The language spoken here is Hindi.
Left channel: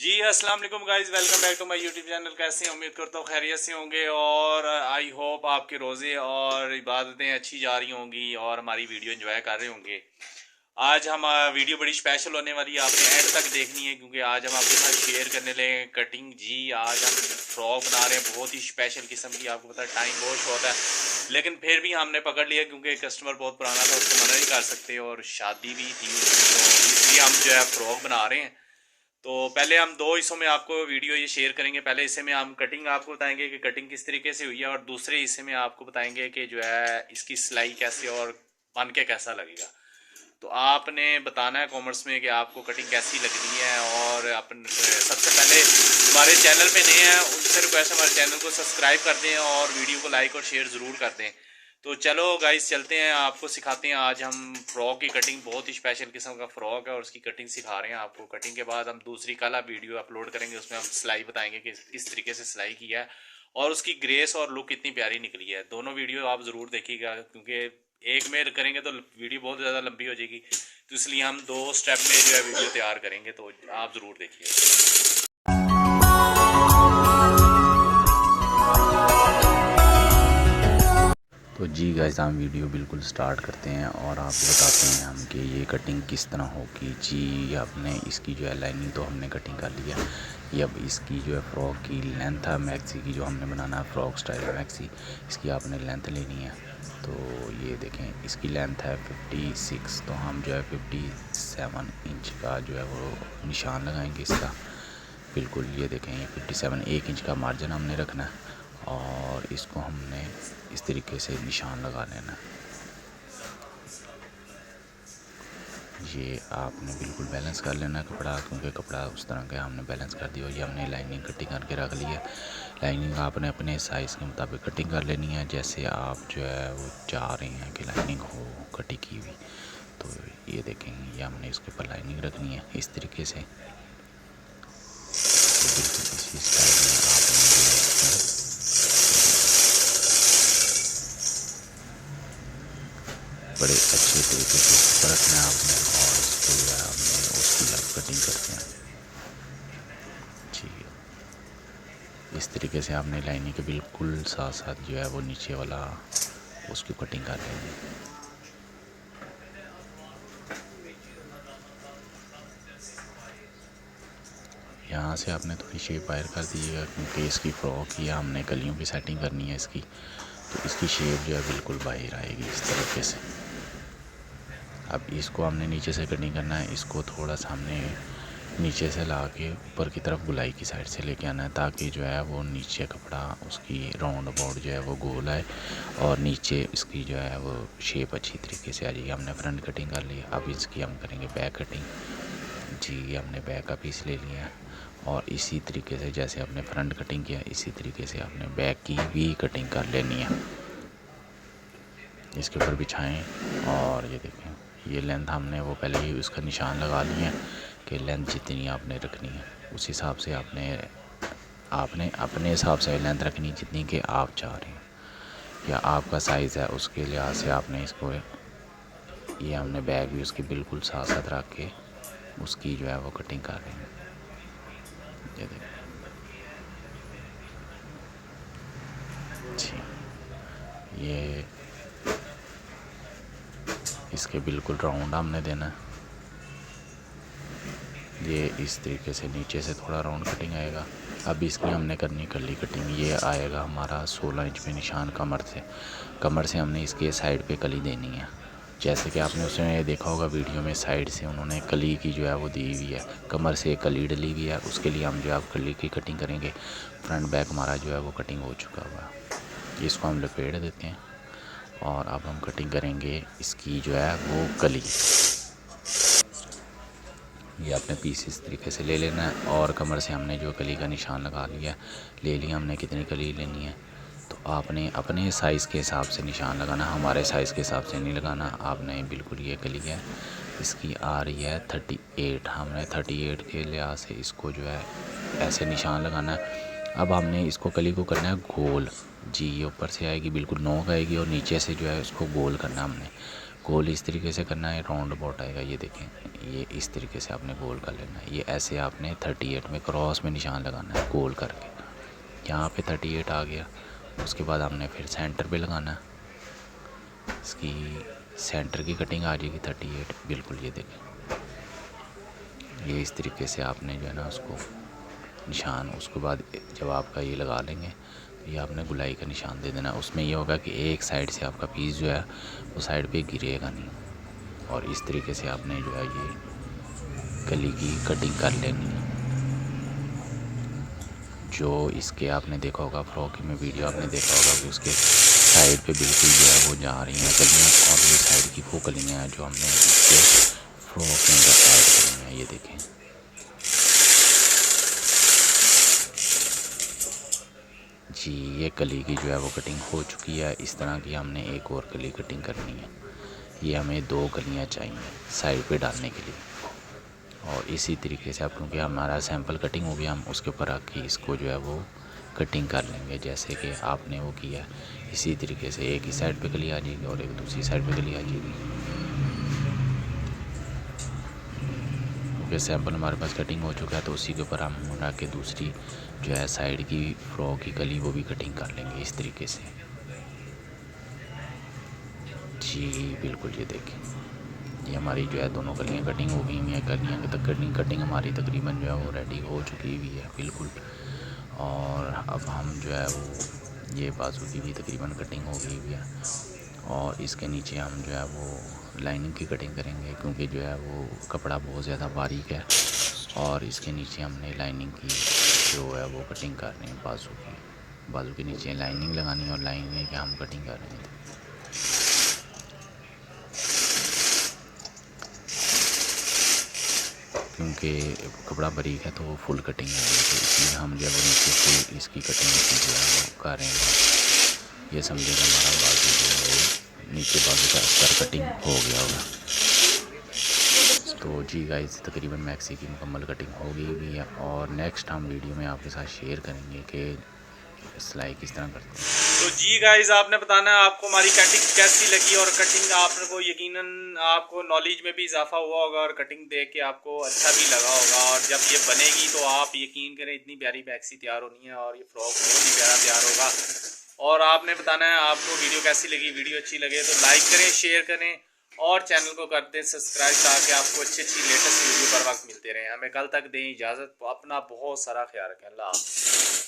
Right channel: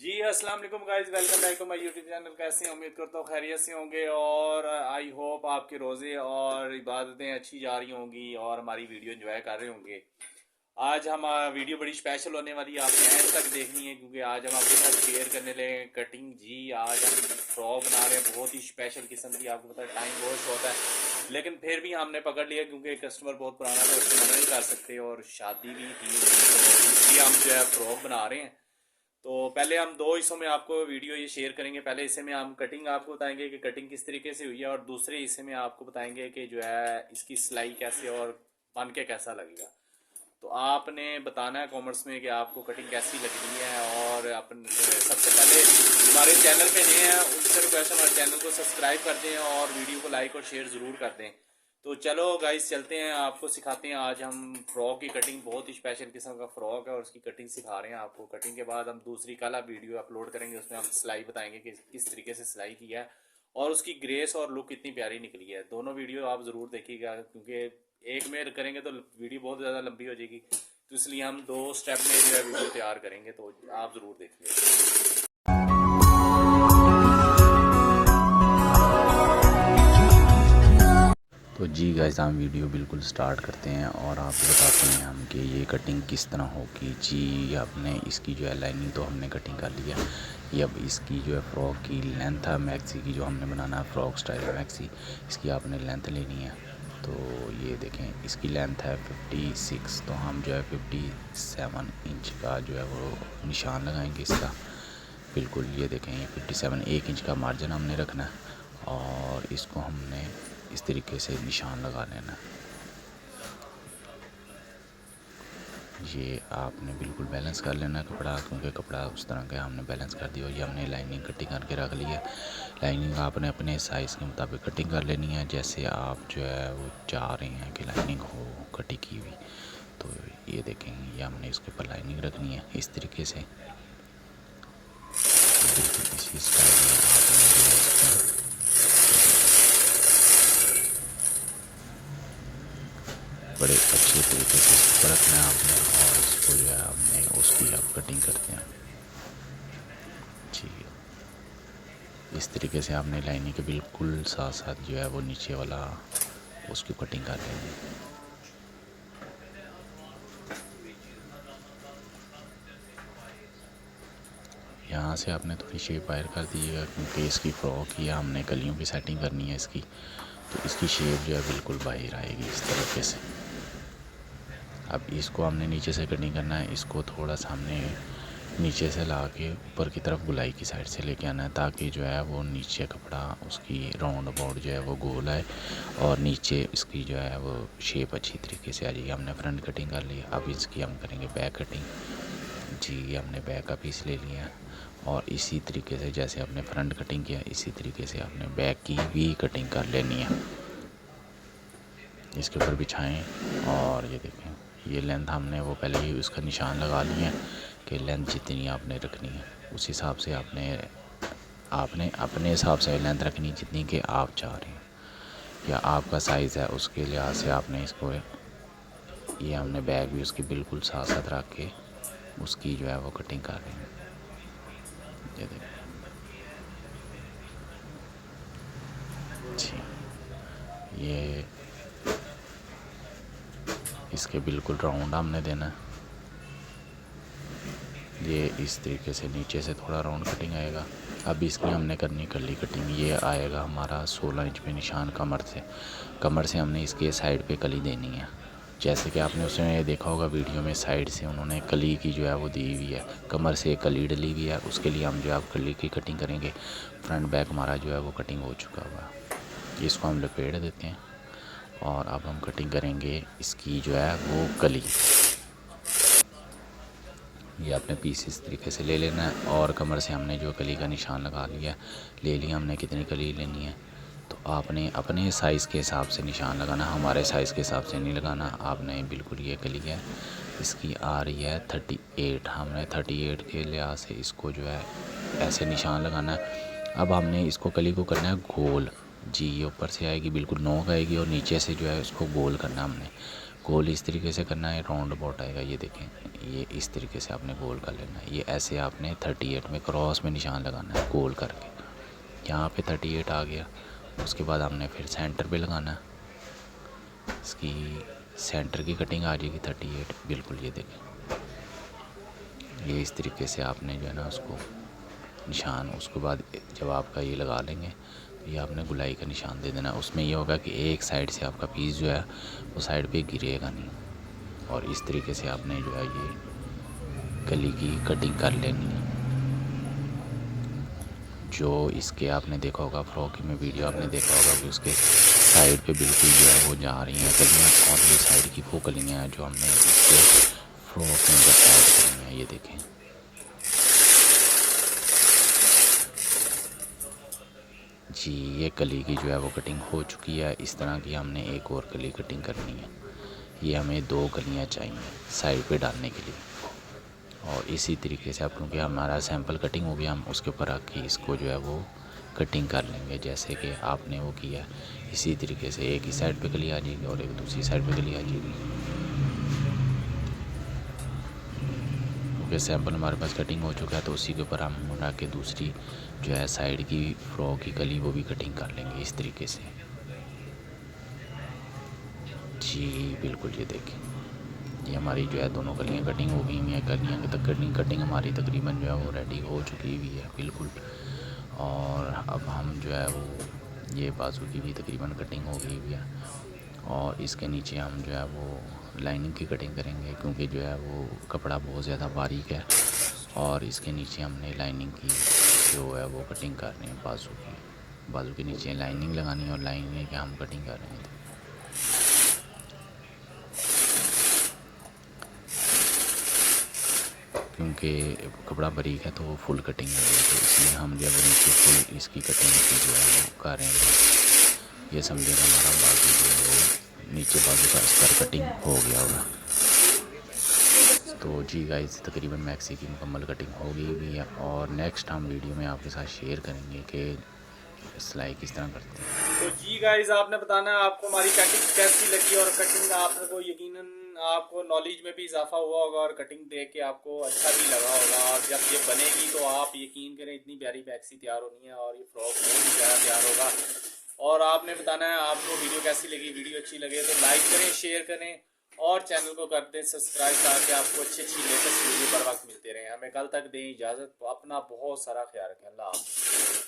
जी अस्सलाम वालेकुम guys, welcome back to my YouTube channel. कैसे हैं? उम्मीद करता हूँ खैरियत से होंगे और आई होप आपके रोज़े और इबादतें अच्छी जा रही होंगी और हमारी वीडियो एंजॉय कर रहे होंगे। आज हम वीडियो बड़ी स्पेशल होने वाली है, आपने एंड तक देखनी है क्योंकि आज हम आपके साथ शेयर करने लगे कटिंग। जी आज हम फ्रॉक बना रहे हैं बहुत ही स्पेशल किस्म की। आपको पता है टाइम बहुत शॉर्ट है, लेकिन फिर भी हमने पकड़ लिया क्योंकि कस्टमर बहुत पुराना था, उसको मना नहीं कर सकते और शादी भी थी उसकी, तो इसलिए हम जो है फ्रॉक बना रहे हैं। तो पहले हम दो हिस्सों में आपको वीडियो ये शेयर करेंगे। पहले हिस्से में हम कटिंग आपको बताएंगे कि कटिंग किस तरीके से हुई है, और दूसरे हिस्से में आपको बताएंगे कि जो है इसकी सिलाई कैसे और बन के कैसा लगेगा। तो आपने बताना है कॉमेंट्स में कि आपको कटिंग कैसी लग रही है। और अपन सबसे पहले हमारे चैनल पे नए हैं उनसे रिक्वेस्ट है हमारे चैनल को सब्सक्राइब कर दें और वीडियो को लाइक और शेयर ज़रूर कर दें। तो चलो गाइस चलते हैं, आपको सिखाते हैं। आज हम फ़्रॉक की कटिंग, बहुत ही स्पेशल किस्म का फ़्रॉक है और उसकी कटिंग सिखा रहे हैं आपको। कटिंग के बाद हम दूसरी कल वीडियो अपलोड करेंगे, उसमें हम सिलाई बताएंगे कि किस तरीके से सिलाई की है और उसकी ग्रेस और लुक कितनी प्यारी निकली है। दोनों वीडियो आप ज़रूर देखिएगा क्योंकि एक में करेंगे तो वीडियो बहुत ज़्यादा लंबी हो जाएगी, तो इसलिए हम दो स्टेप में जो है वीडियो तैयार करेंगे, तो आप ज़रूर देखिए। तो जी गाइस हम वीडियो बिल्कुल स्टार्ट करते हैं और आपको बताते हैं हम कि ये कटिंग किस तरह होगी। जी आपने इसकी जो है लाइनिंग तो हमने कटिंग कर लिया। ये अब इसकी जो है फ़्रॉक की लेंथ है मैक्सी की, जो हमने बनाना है फ़्रॉक स्टाइल मैक्सी, इसकी आपने लेंथ लेनी है। तो ये देखें इसकी लेंथ है 56, तो हम जो है 57 इंच का जो है वो निशान लगाएंगे इसका। बिल्कुल ये देखें ये 57 1 इंच का मार्जिन हमने रखना है और इसको हमने इस तरीके से निशान लगा लेना है। ये आपने बिल्कुल बैलेंस कर लेना कपड़ा, क्योंकि कपड़ा उस तरह का हमने बैलेंस कर दिया। ये हमने लाइनिंग कटिंग करके रख ली है। लाइनिंग आपने अपने साइज़ के मुताबिक कटिंग कर लेनी है, जैसे आप जो है वो चाह रहे हैं कि लाइनिंग हो कटिंग की हुई। तो ये देखेंगे ये हमने इसके ऊपर लाइनिंग रखनी है इस तरीके से। तो बिल्कुल इसी स्टाइल में आपने जो है इसको बड़े अच्छे तरीके से इसको रखना है आपने, और इसको जो है हमने उसकी अब कटिंग करते हैं। ठीक है, इस तरीके से आपने लाइनिंग के बिल्कुल साथ साथ जो है वो नीचे वाला उसकी कटिंग कर लेंगे। यहाँ से आपने थोड़ी शेप बाहर कर दीजिएगा, क्योंकि इसकी फ़्रॉक ही हमने कलियों की सेटिंग करनी है इसकी, तो इसकी शेप जो है बिल्कुल बाहर आएगी इस तरीके से। अब इसको हमने नीचे से कटिंग करना है, इसको थोड़ा सामने नीचे से ला के ऊपर की तरफ गुलाई की साइड से लेके आना है, ताकि जो है वो नीचे कपड़ा उसकी राउंड अबाउट जो है वो गोल आए और नीचे इसकी जो है वो शेप अच्छी तरीके से आ जाएगी। हमने फ्रंट कटिंग कर ली, अब इसकी हम करेंगे बैक कटिंग। जी हमने बैक का पीस ले लिया और इसी तरीके से जैसे आपने फ्रंट कटिंग किया इसी तरीके से आपने बैक की भी कटिंग कर लेनी है। इसके ऊपर बिछाएं और ये देखें ये लेंथ हमने वो पहले ही उसका निशान लगा लिए हैं कि लेंथ जितनी आपने रखनी है उस हिसाब से आपने अपने हिसाब से लेंथ रखनी जितनी कि आप चाह रहे हैं या आपका साइज़ है, उसके लिहाज से आपने इसको ये हमने बैग भी उसकी बिल्कुल साथ साथ रख के उसकी जो है वो कटिंग कर रहे हैं। ये देखें जी ये इसके बिल्कुल राउंड हमने देना है। ये इस तरीके से नीचे से थोड़ा राउंड कटिंग आएगा। अब इसकी हमने करनी कर्ली कटिंग। ये आएगा हमारा 16 इंच पे निशान कमर से हमने इसके साइड पे कली देनी है। जैसे कि आपने उसमें देखा होगा वीडियो में, साइड से उन्होंने कली की जो है वो दी हुई है, कमर से कली डली हुई है, उसके लिए हम जो है कली की कटिंग करेंगे। फ्रंट बैक हमारा जो है वो कटिंग हो चुका हुआ है। इसको हम लपेट देते हैं और अब हम कटिंग करेंगे इसकी जो है वो कली। ये अपने पीस इस तरीके से ले लेना है और कमर से हमने जो कली का निशान लगा लिया ले लिया हमने कितनी कली लेनी है। तो आपने अपने साइज़ के हिसाब से निशान लगाना, हमारे साइज़ के हिसाब से नहीं लगाना आपने। बिल्कुल ये कली है इसकी आ रही है 38, हमने 38 के लिहाज से इसको जो है ऐसे निशान लगाना है। अब हमने इसको कली को करना है गोल। जी ये ऊपर से आएगी बिल्कुल नोक आएगी और नीचे से जो है उसको गोल करना हमने। गोल इस तरीके से करना है, राउंड अबाउट आएगा। ये देखें, ये इस तरीके से आपने गोल कर लेना है। ये ऐसे आपने 38 में क्रॉस में निशान लगाना है गोल करके। यहाँ पे 38 आ गया। उसके बाद हमने फिर सेंटर पे लगाना है, इसकी सेंटर की कटिंग आ जाएगी 38 बिल्कुल। ये देखें, ये इस तरीके से आपने जो है ना उसको निशान, उसके बाद जब आपका ये लगा लेंगे तो ये आपने गुलाई का निशान दे देना। उसमें ये होगा कि एक साइड से आपका पीस जो है वो साइड पे गिरेगा नहीं। और इस तरीके से आपने जो है ये कली की कटिंग कर लेनी है। जो इसके आपने देखा होगा फ्रॉक में वीडियो आपने देखा होगा कि उसके साइड पे बिल्कुल जो है वो जा रही हैं कलियाँ, और ये साइड की वो कलियाँ हैं जो हमने इसके फ्रॉक के अंदर ऐड करनी है। ये देखें, जी ये कली की जो है वो कटिंग हो चुकी है। इस तरह की हमने एक और कली कटिंग करनी है। ये हमें 2 कलियाँ चाहिए साइड पे डालने के लिए। और इसी तरीके से आप, क्योंकि हमारा सैंपल कटिंग हो गया, हम उसके ऊपर रख के इसको जो है वो कटिंग कर लेंगे जैसे कि आपने वो किया। इसी तरीके से एक ही साइड पे कली आ जाएगी और एक दूसरी साइड पे कली आ जाएगी। क्योंकि सैंपल हमारे पास कटिंग हो चुका है तो उसी के ऊपर हम रख के दूसरी जो है साइड की फ्रॉक की कली वो भी कटिंग कर लेंगे इस तरीके से। जी बिल्कुल, ये देखें, ये हमारी जो है दोनों कलियाँ कटिंग हो गई हुई हैं। कलियाँ तक कटिंग हमारी तकरीबन जो है वो रेडी हो चुकी हुई है बिल्कुल। और अब हम जो है वो ये बाजू की भी तकरीबन कटिंग हो गई हुई है। और इसके नीचे हम जो है वो लाइनिंग की कटिंग करेंगे, क्योंकि जो है वो कपड़ा बहुत ज़्यादा बारीक है। और इसके नीचे हमने लाइनिंग की जो है वो कटिंग कर रहे हैं बाजू के नीचे लाइनिंग लगानी है और लाइनिंग की हम कटिंग कर रहे हैं। क्योंकि कपड़ा बारीक है तो वो फुल कटिंग है, तो इसलिए हम जो है वो नीचे फुल इसकी कटिंग जो है वो कर रहे हैं। ये समझे कि हमारा बाजू जो है वो नीचे बाजू का अस्तर कटिंग हो गया होगा। तो जी गाइस, तकरीबन मैक्सी की मुकम्मल कटिंग हो गई हुई है। और नेक्स्ट हम वीडियो में आपके साथ शेयर करेंगे कि सिलाई किस तरह करते हैं। तो जी गाइस, आपने बताना है आपको हमारी कटिंग कैसी लगी, और कटिंग आपको यकीनन आपको नॉलेज में भी इजाफा हुआ होगा और कटिंग देख के आपको अच्छा भी लगा होगा। और जब ये बनेगी तो आप यकीन करें इतनी प्यारी मैक्सी तैयार होनी है और ये फ्रॉक बहुत ही प्यारा तैयार होगा। और आपने बताना है आपको वीडियो कैसी लगी। वीडियो अच्छी लगे तो लाइक करें, शेयर करें और चैनल को कर दें सब्सक्राइब, ताकि आपको अच्छी अच्छी लेटेस्ट वीडियो पर वक्त मिलते रहें। हमें कल तक दें इजाज़त। अपना बहुत सारा ख्याल रखें। अल्लाह हाफ़िज़।